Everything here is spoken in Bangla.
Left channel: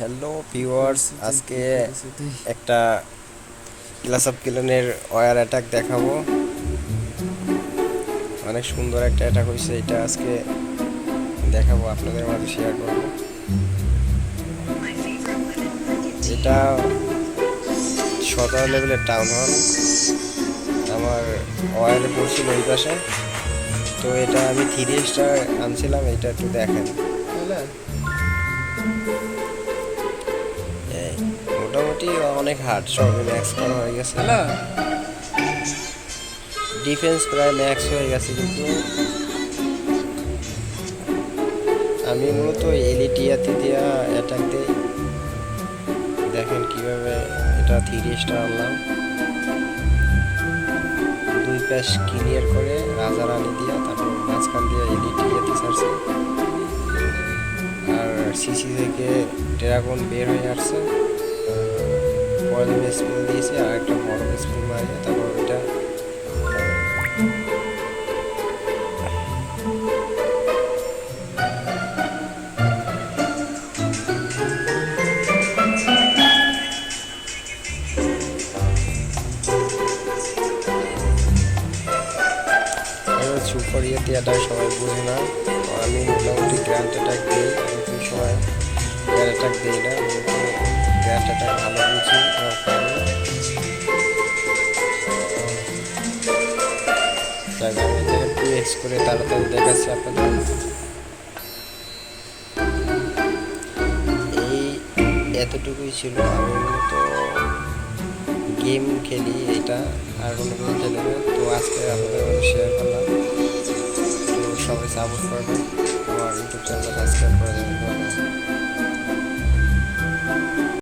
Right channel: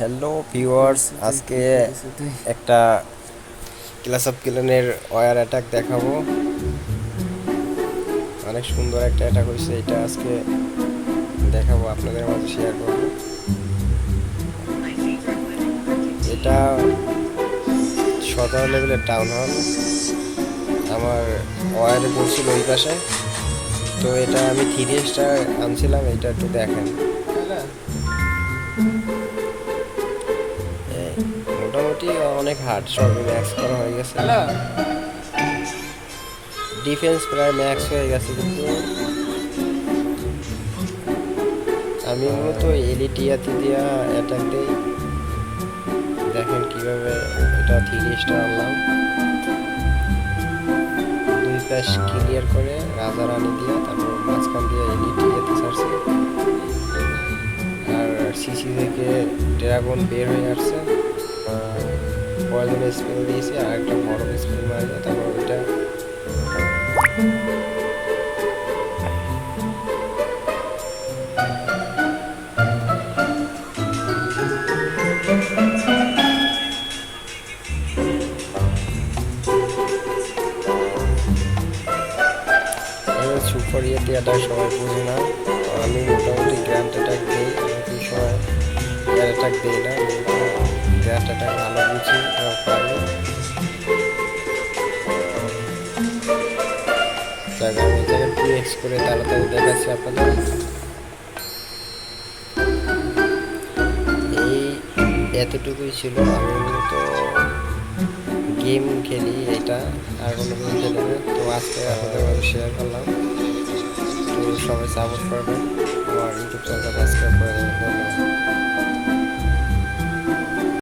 হ্যালো ভিউয়ার্স, আজকে একটা ক্লাস অফ ক্লানের ওয়ার অ্যাটাক দেখাবো। অনেক সুন্দর একটা অ্যাটাক হয়েছে, এটা আজকে দেখাবো, আপনাদের মাঝে শেয়ার করব। এটা 17 লেভেলের টাউন হল, আমার ওয়ারে পড়ছিল ওই পাশে। তো এটা আমি 3 স্টার আনছিলাম, এটা একটু দেখেন। এই মোটামুটি অনেক হার্ড, সবই ম্যাক্স করা হয়ে গেছে, ডিফেন্স প্রায় ম্যাক্স হয়ে গেছে। কিন্তু আমি মূলত এলিটিয়াতে দিয়া অ্যাটাক দেই, দেখেন কিভাবে এটা 3 স্টার আনলাম। 2 পাশ ক্লিয়ার করে রাজা রানী দিয়া, তারপর মাঝখান দিয়ে এলিটিয়াতে ছাড়ছে, আর সিসি থেকে ড্রাগন বের হয়ে আসছে। পয়জন স্পেল দিয়েছে আর একটা বড় স্পেল মারিয়ে তারপর ওইটা সুপার ইয়েতে অ্যাটাক সবাই বোঝে না। তো আমি মোটামুটি গ্র্যান্ড অ্যাটাক দিই, আমি কোনো সময় এয়ার অ্যাটাক দিই না, আমি তো গ্র্যান্ড অ্যাটাক ভালো বুঝি এবং পারি। যাক, আমি এটাকে 2x করে তাড়াতাড়ি দেখাচ্ছি আপনাদের। এই এতটুকুই ছিল। আমি মূলত গেম খেলি এটা, আর কোনো গেম খেলি না। তো আজকে আপনাদের মধ্যে শেয়ার করলাম। তো সবাই সাপোর্ট করবেন, আমার ইউটিউব চ্যানেলটা সাবস্ক্রাইব করে দেবেন। ধন্যবাদ।